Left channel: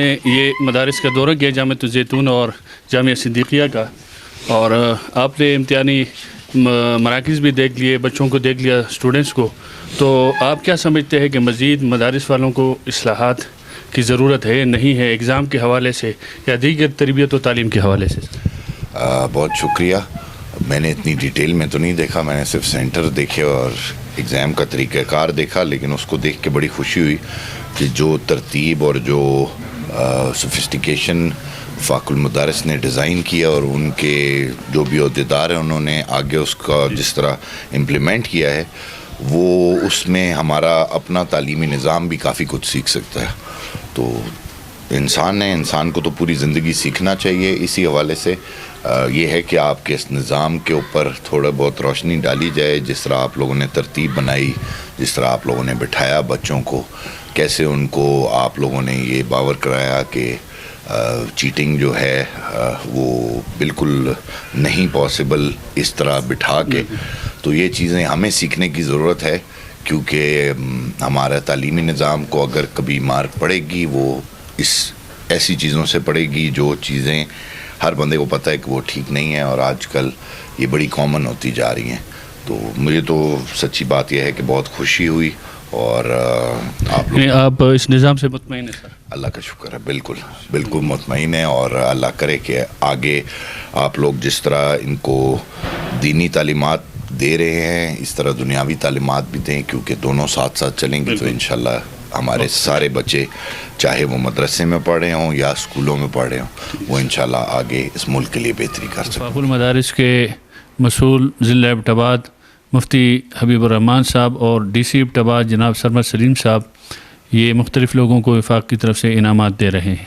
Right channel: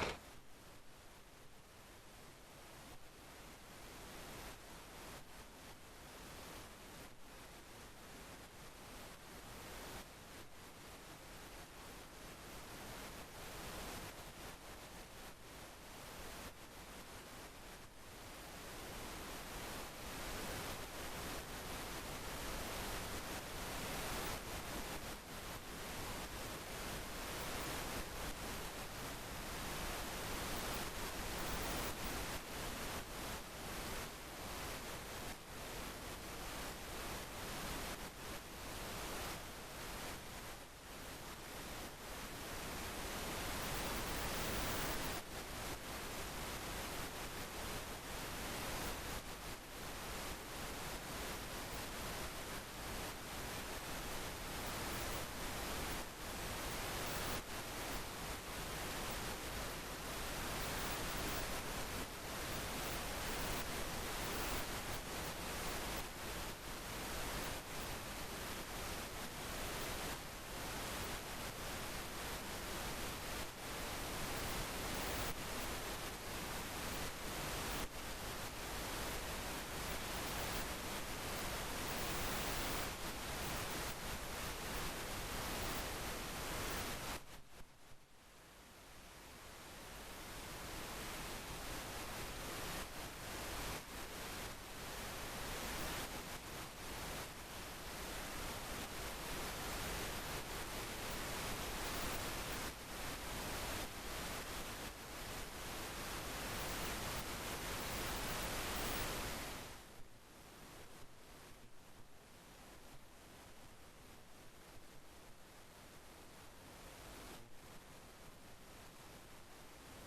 نے یہ مدارس کا دورہ کیا جامعہ الزیتون اور جامعہ صدیقیہ کا، اور آپ نے امتحانی مراکز بھی دیکھ لیے، بچوں کو دیکھ لیا، اسٹوڈنٹس کو، تو آپ کیا سمجھتے ہیں کہ مزید مدارس والوں کو اصلاحات کی ضرورت ہے نہیں ہے، ایگزام کے حوالے سے یا دیگر تربیت و تعلیم کے حوالے سے؟ بہت شکریہ. میں نے اتنی ڈیٹیل میں تو نہیں دیکھا، میں نے صرف سینٹر دیکھے اور ایگزام کا طریقہ کار دیکھا، لیکن اس کو دیکھ کے بڑی خوشی ہوئی کہ جو ترتیب اور جو سوفسٹیکیشن فاق المدارس نے ڈیزائن کیا اور ان کے جو بھی عہدیدار ہیں انہوں نے آگے اس کا جس طرح امپلیمنٹ کیا ہے، وہ اس میں ہمارا اپنا تعلیمی نظام بھی کافی کچھ سیکھ سکتا ہے. تو انسان کو تو پوری زندگی سیکھنا چاہیے. اسی حوالے سے یہ ہے کہ آپ کے اس نظام کے اوپر تھوڑا بہت روشنی ڈالی جائے، جس طرح آپ لوگوں نے ترتیب بنائی، جس طرح آپ لوگوں نے بٹھایا بچوں کو، کیسے ان کو آپ لوگوں نے یہ باور کرایا کہ چیٹنگ جو ہے وہ بالکل نہیں پاسبل اس طرح بٹھا کے. تو یہ چیزیں ہمیں سیکھنے کی ضرورت ہے، کیونکہ ہمارا تعلیمی نظام کو اگر کبھی مارک پڑے گی وہ ایسی چیزوں سے پڑے گی جو چیزیں ہر بندے کو پتہ ہے کہ وہ ٹھیک نہیں ہے، اور آج کل یہ بڑی کامن ہوتی جا رہی ہیں. تو مجھے تو سچی بات یہ ہے کہ بہت خوشی ہوئی، اور آپ اس نظام سے مطمئن ہیں سر؟ اللہ کا شکر ہے، بالکل مطمئن ہے، اور اللہ کرے کہ آگے آپ لوگ جس طرح ان کو دینی تعلیمات دے رہے ہیں اس طرح دنیاوی تعلیمات بھی دیں، کیونکہ دونوں ساتھ ساتھ چلیں گے تو انشاءاللہ ہمارے سارے بچے چاہے وہ مدرسے میں پڑھے ہوں یا اسکولوں میں پڑھے ہوں، وہ انشاءاللہ آگے اس ملک کے لیے بہتری کر سکیں. فاق المدارس کے مسئول ضلع ایبٹ آباد مفتی حبیب الرحمان صاحب اور ڈی سی ایبٹ آباد جناب سرمد سلیم صاحب یہ مختلف لوگوں کو وفاق کی طرف سے انعامات دے رہے ہیں.